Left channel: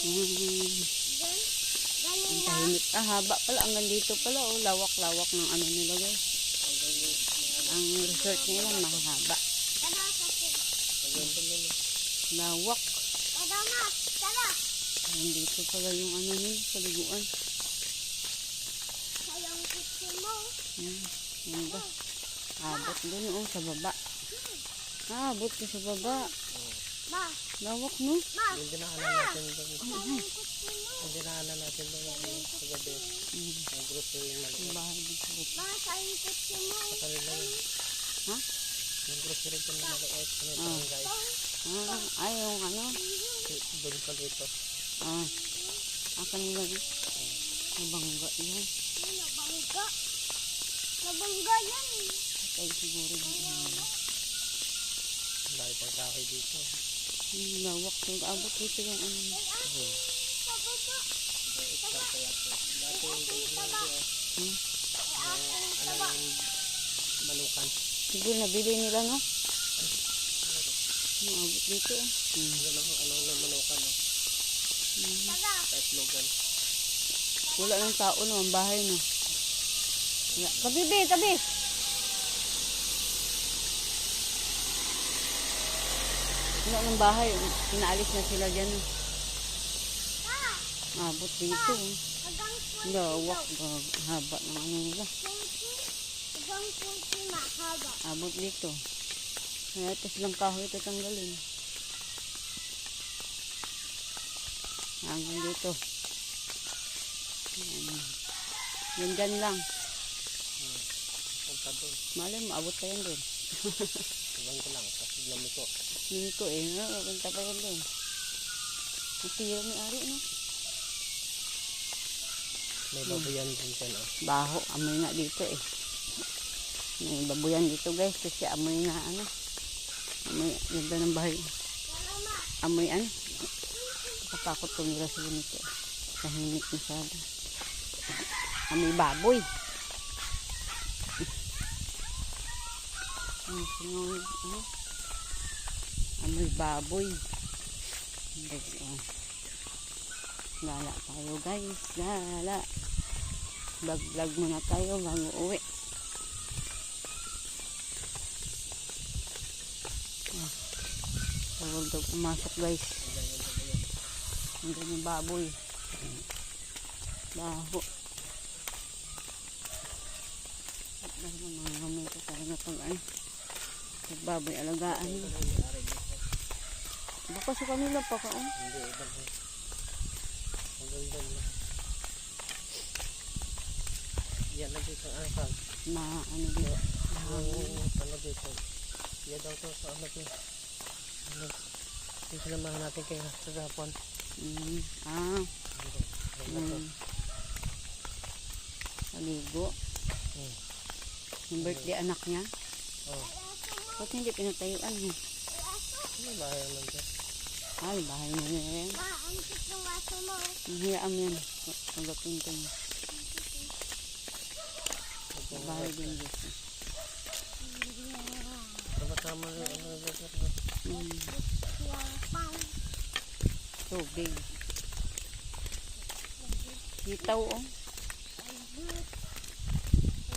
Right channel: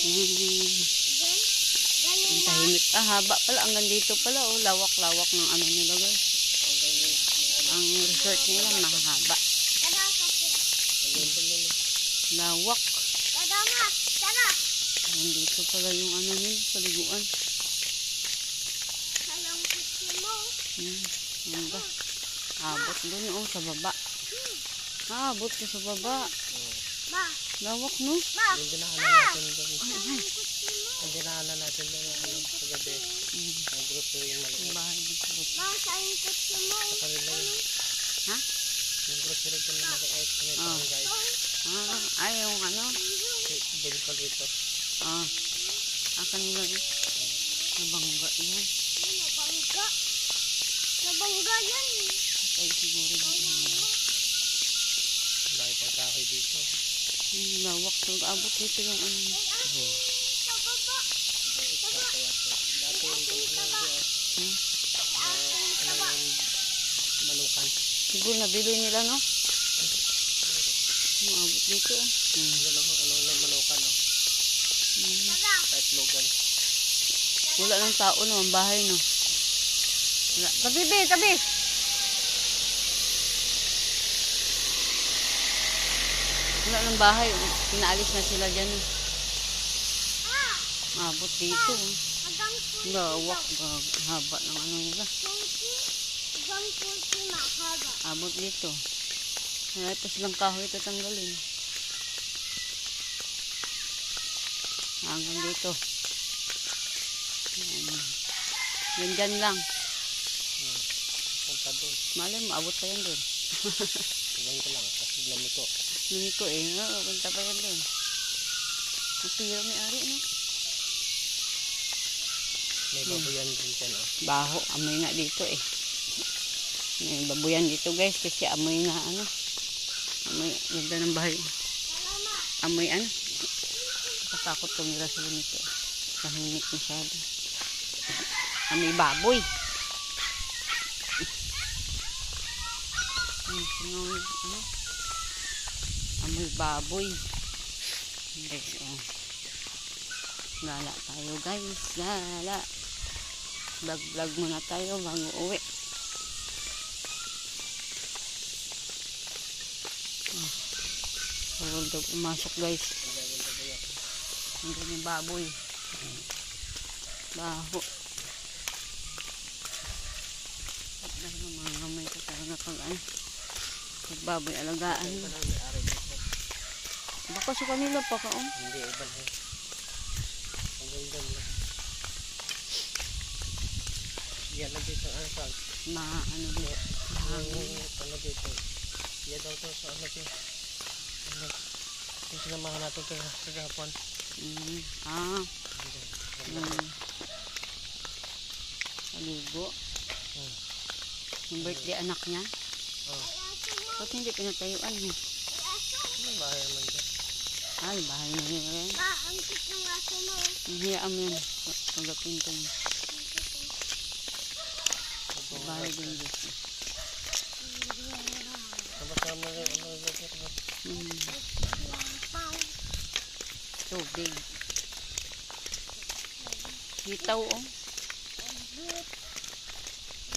Ang tahimik. Haba pala. Hanggang dito pala. Oh, lawak-lawak ng ano nila guys. Ang resort nila mahahaba. Lawak. Nandito pala yung ano nila. Paliguan. Hanggang. Abot doon. Oh, sa baba. Abot na sa baba. Lawak, no? Yung dinaanan natin doon. Yung dinaanan natin doon sa gabi. Ang grupo yung maliit. Yung bahay ng grupo. Sa kanila yun. Ha? Yung grupo rin ko na maliit. May barangay. Ay, yung ano? Doon ka dito. Kanila yun. Nabangga yan. Nabangga yan. Patay siguro yung Dahil pang kahoy dito. lawak. Abot dito yung ano. Sa baba. Dati yung manukan. Siguro nabili nila, no? Abot dito. Ano manukan, no? Kahit logan. Wala ng tao naman bahay, no? Wala. Tabi, tabi! Wala ng bahay. Pinaalis na sila dyan. Abot dito. Lawak. Haba ng ano nila. Abot dito. Kaya pa silang kahoy tatanggalin. Hanggang dito. Yan dyan lang. Punta doon. Malay, maabot pa yan doon. Ganito lang. Kasi lamiko. Lumiko punta pa yan doon. Matira may ari, no? May babuyan din dyan, oh. Baho, amoy nga dito eh. May babuyan dito guys kasi amoy nga ano. Amoy, ganda ng bahay. Amoy ano. Nakatakot tumira sila nito. Tahimik masyado. Amoy baboy. Ano? Amoy baboy. Guys, oh. Gala tayo guys. Gala. Vlog muna tayo bago uwi. Huwag daw pumasok guys. Ang ganyan baboy. Baho. At dahil mga gamay ko talaga pag ano. Pag baboy alagaan. Baka sa kanila pa ka oh. Hindi, iba na. Hanggang doon lang. Yan lang dito ang asal. Ano dito. Ano dito. Yan daw to sa ano dito. Yung sinamahan natin kay Japon. Aligo. Yung birthday anak niya. Ba't hindi pinatayuan mo? Ano bahay naman dyan? Bahay niya rin. Ang cute ng aso mo. Hiyaan mo yan. Pagapin ko niya. Bahay din dito. Kasama yung Tubig. Hitaw oh.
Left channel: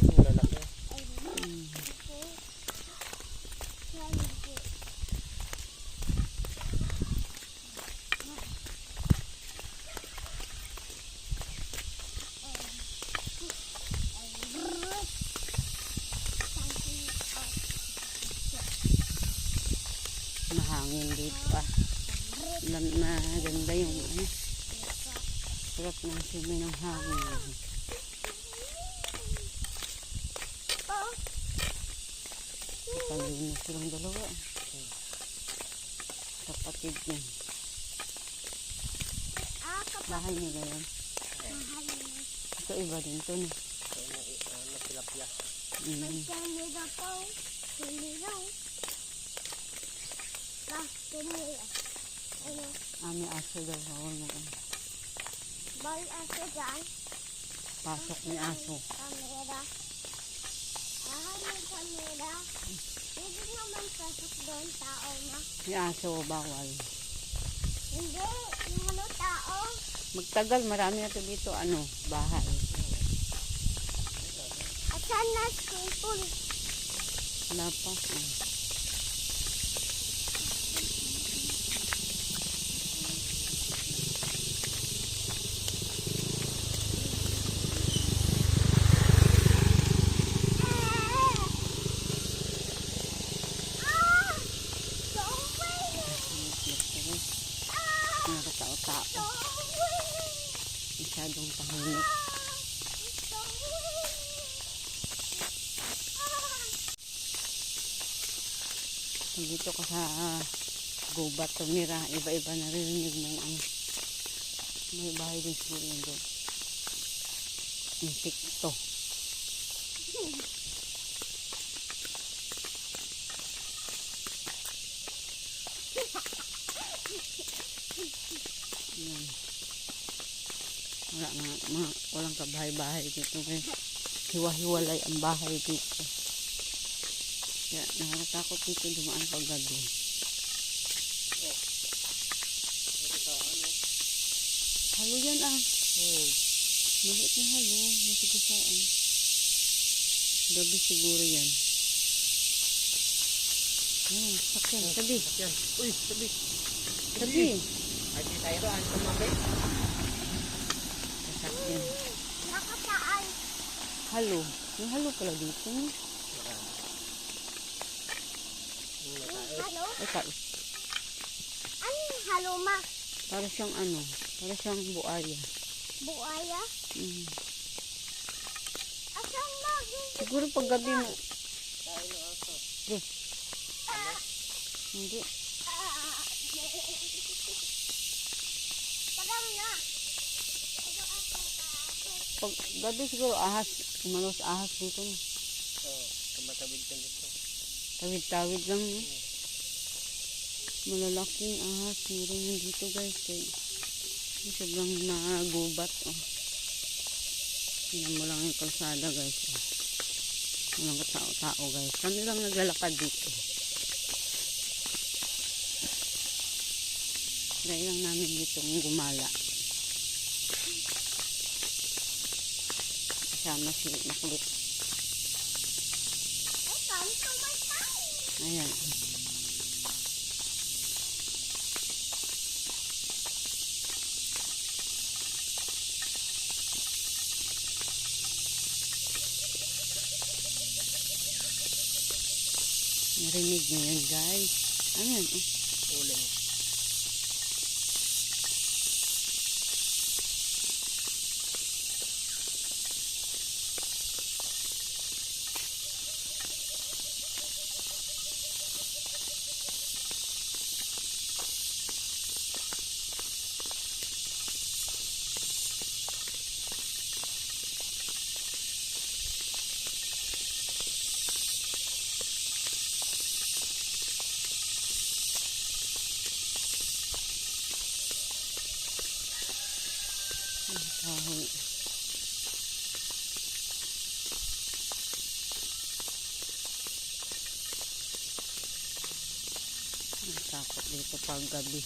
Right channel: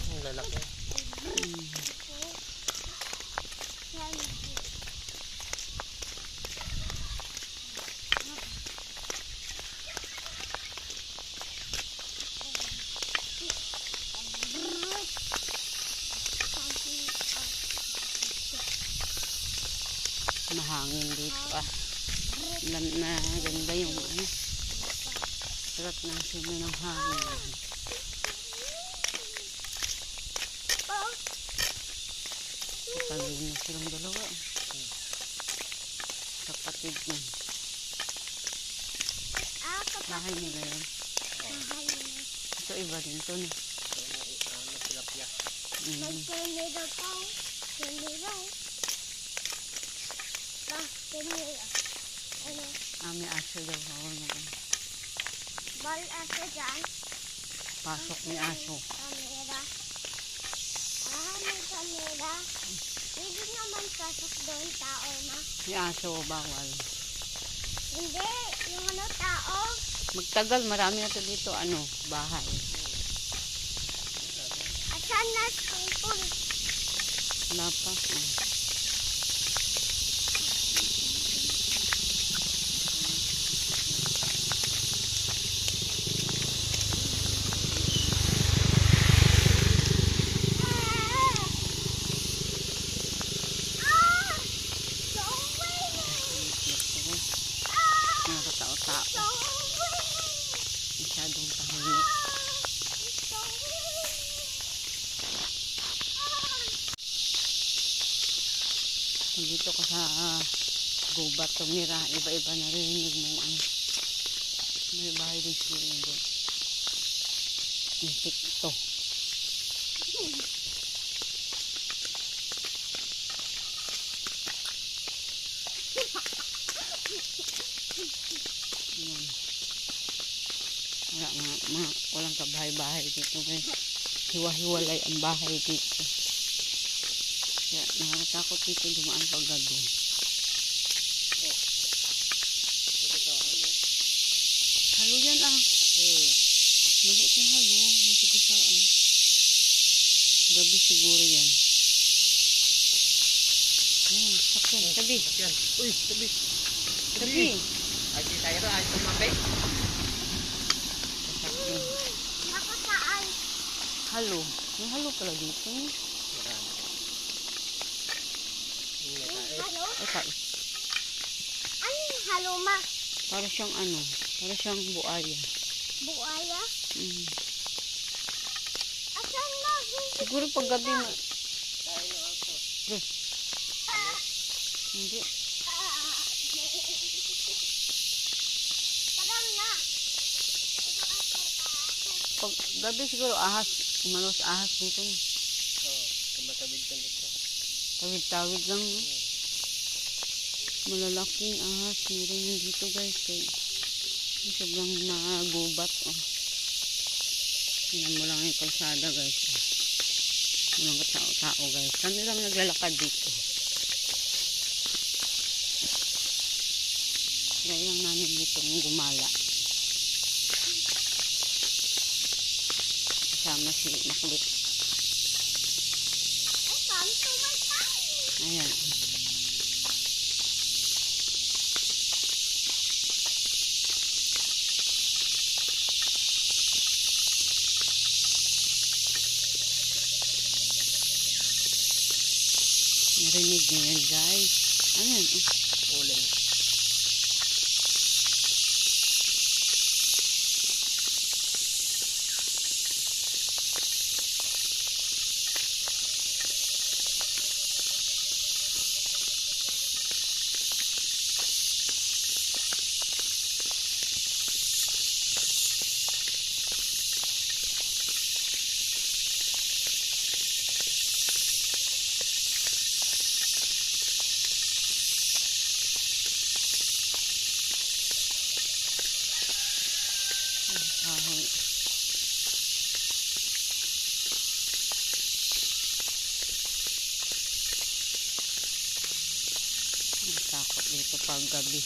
ang lalaki. Mahangin dito pa. Na ganda yung ano. Sarap ng simoy ng hangin. Pagalinis silang dalawa. Kapatid niya. Bahay nila yan. Ito iba din to no. Tilapia. May aso daw. Hawal mo kung Bal aso dyan. pasok ni aso. Kamera. May kamera. Pwede naman pasok doon, tao na. Ni aso bawal. Hindi, yung ano tao. Magtagal, marami na to dito, ano, bahay. Asan na school? Wala pa. Oh. Nakatao-tao. Masyadong tahimik. Pag dito ka sa gubat, tumira, iba-iba narinig mo ang may bahay din siguro yun doon. Insekto. Yan. Wala walang kabahay-bahay dito. Hiwa-hiwalay ang bahay dito. Kaya nakakatakot dito dumaan pag gabi. Halo yan ah. Maliit na halo. Masigasaan. Gabi siguro yan. Sakyan. Tabi. Yan. Uy, tabi. Tabi. Ay, di tayo rin. Ay, tumabi. Sakyan. Naku saan? Halo. May halo pala dito. Halo? Ay, kais. Ano yung haluma? Para siyang ano. Para siyang buaya. Buaya? Mm. Asan na? Siguro pag gabi mo. Tayo ng aso. Hindi. Parang na. Pag gabi siguro ahas. Umalos ahas dito. No? Oo, tumatawid ka dito. Tawid-tawid lang. No? Malalaking ahas. Meron yan dito guys. Kaya sobrang magubat. Oh. Tingnan mo lang yung kalsada guys. Oh. Walang katao-tao guys. Kami lang naglalakad dito. Try lang namin dito gumala. Kasama si Makulit. Ay, kami tumatay. Ayan. Narinig niyo yan guys. Ano yan? Oh. Uling. Kahoy. Takot dito pag gabi.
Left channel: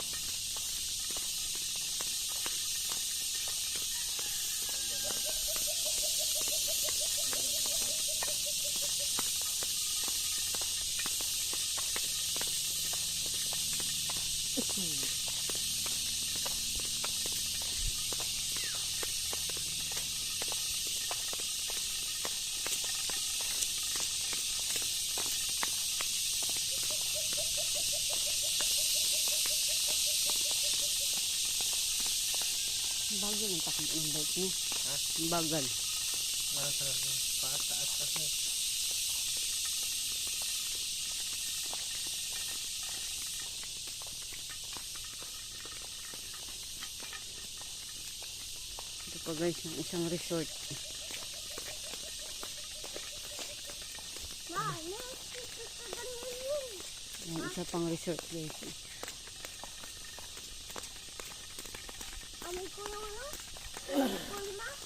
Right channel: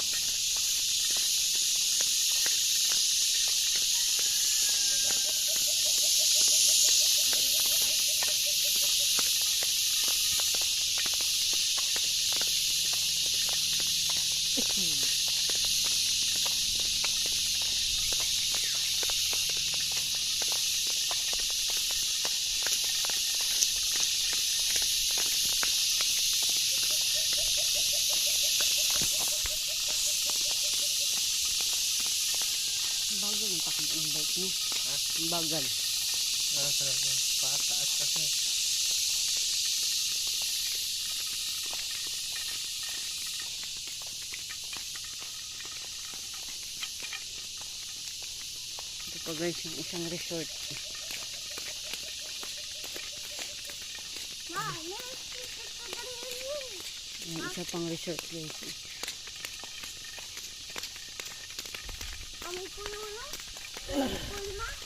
Bagal ang takot ng bike niyo. Ha? Bagal. Oo, talaga. Pataas kasi. Ito pa guys, yung isang resort. Ma, naisipit ko ba yun? Yan, isa pang resort guys. Kami ko na. Kami ko na.